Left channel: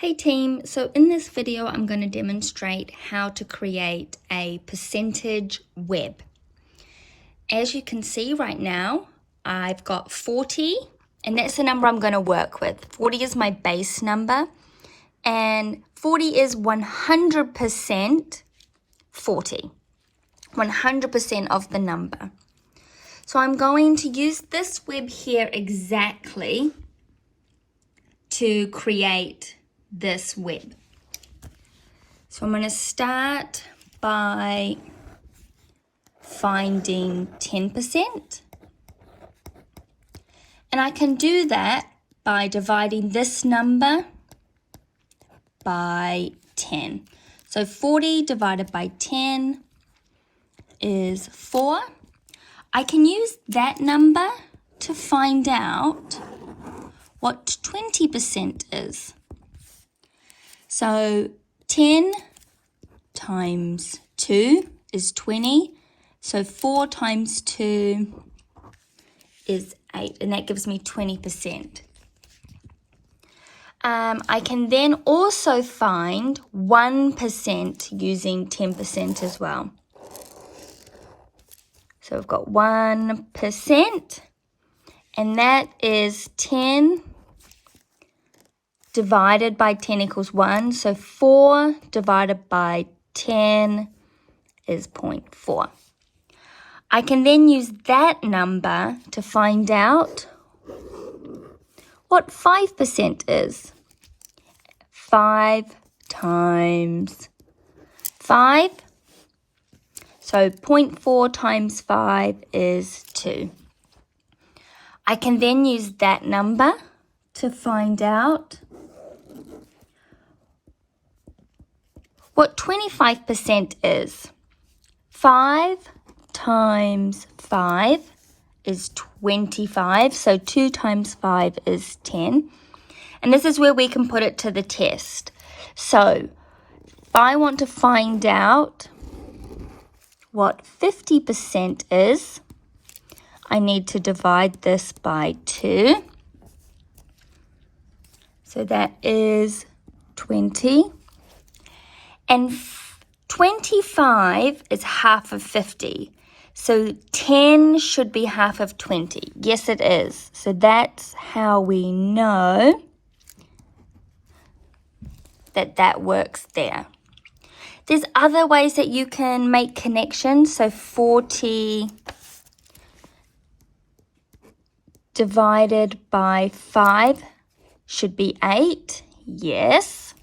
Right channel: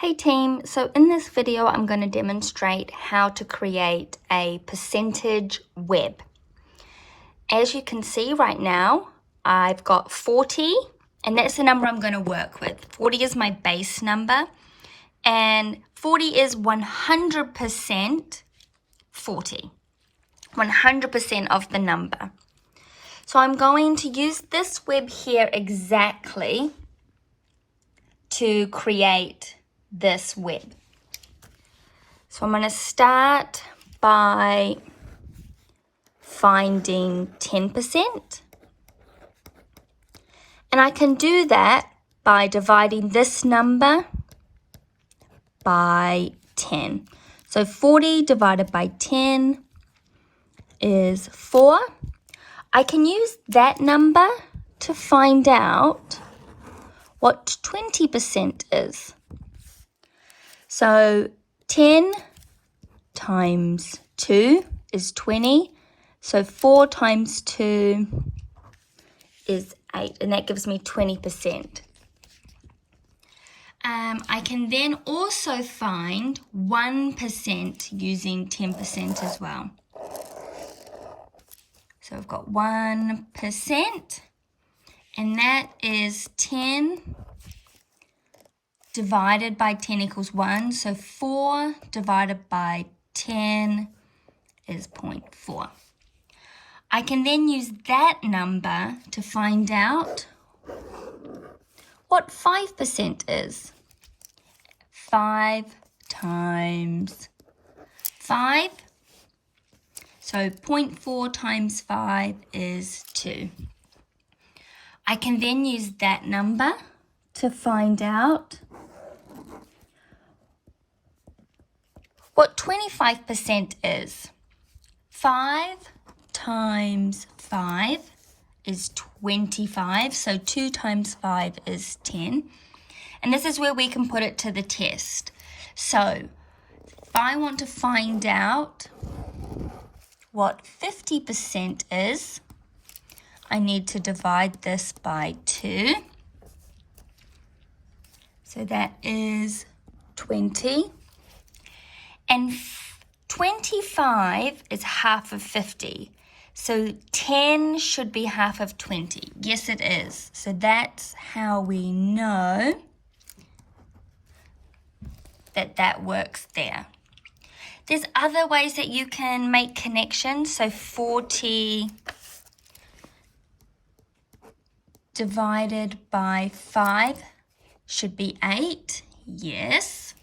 Hey team, so in this video I'm going to demonstrate how to create a percentage web. As you can see right now, I've got 40 and that's the number I'm going to work with. 40 is my base number and 40 is 100% 40, 100% of the number. So I'm going to use this web here exactly to create this web. So I'm going to start by finding 10%. And I can do that by dividing this number by 10. So 40 divided by 10 is 4. I can use that number to find out what 20% is. So 10 times 2 is 20. So 4 times 2 is 8, and that gives me 20%. I can then also find 1% using 10% as well. So we've got 1%, and that is 10 divided by 10 equals 1. So 4 divided by 10 is 0.4. I can then use that number to find out what 5% is. 5 times 5. So 0.4 times 5 is 2. I can then use that number to find out what 25% is. 5 times 5 is 25, so 2 times 5 is 10. And this is where we can put it to the test. So if I want to find out what 50% is, I need to divide this by 2. So that is 20. And 25 is half of 50. So 10 should be half of 20. Yes, it is. So that's how we know that that works there. There's other ways that you can make connections. So 40 divided by 5 should be 8. Yes.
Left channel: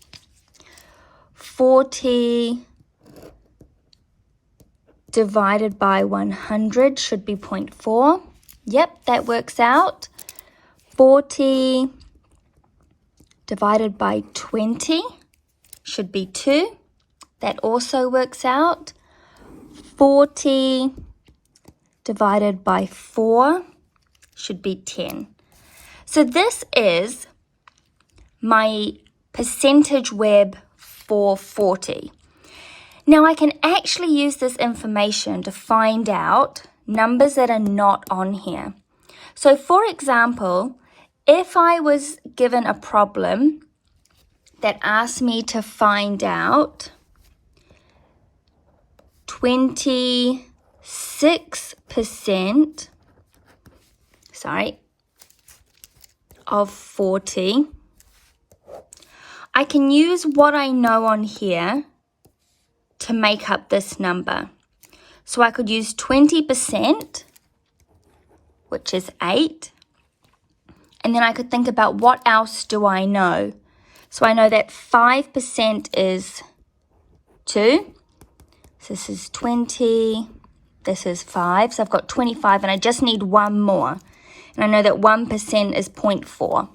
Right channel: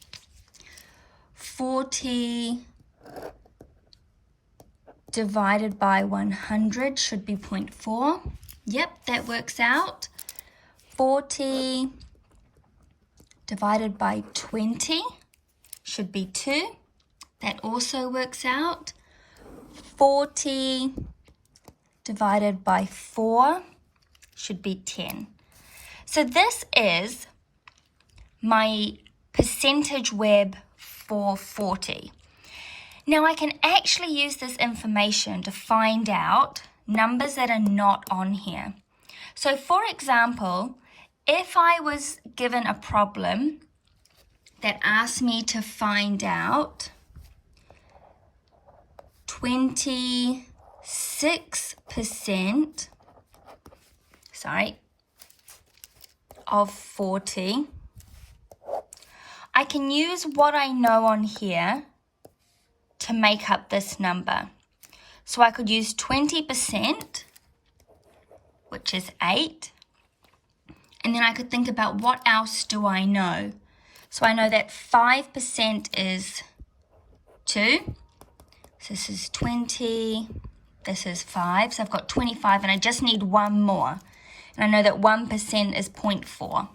40 divided by 100 should be 0.4. Yep, that works out. 40 divided by 20 should be 2. That also works out. 40 divided by 4 should be 10. So this is my percentage web for 40. Now I can actually use this information to find out numbers that are not on here. So for example, if I was given a problem that asked me to find out 26% of 40, I can use what I know on here to make up this number. So I could use 20%, which is 8, and then I could think about what else do I know. So I know that 5% is 2. So this is 20, this is 5. So I've got 25 and I just need one more. And I know that 1% is 0.4.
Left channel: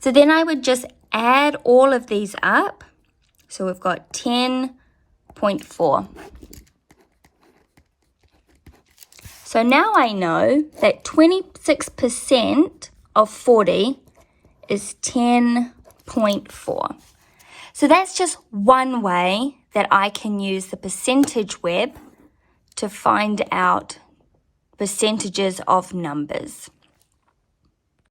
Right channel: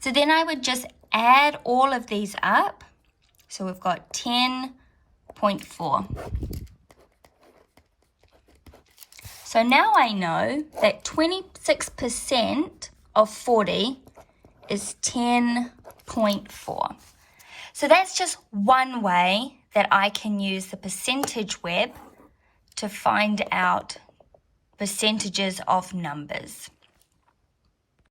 So then I would just add all of these up. So we've got 10.4. So now I know that 26% of 40 is 10.4. So that's just one way that I can use the percentage web to find out percentages of numbers.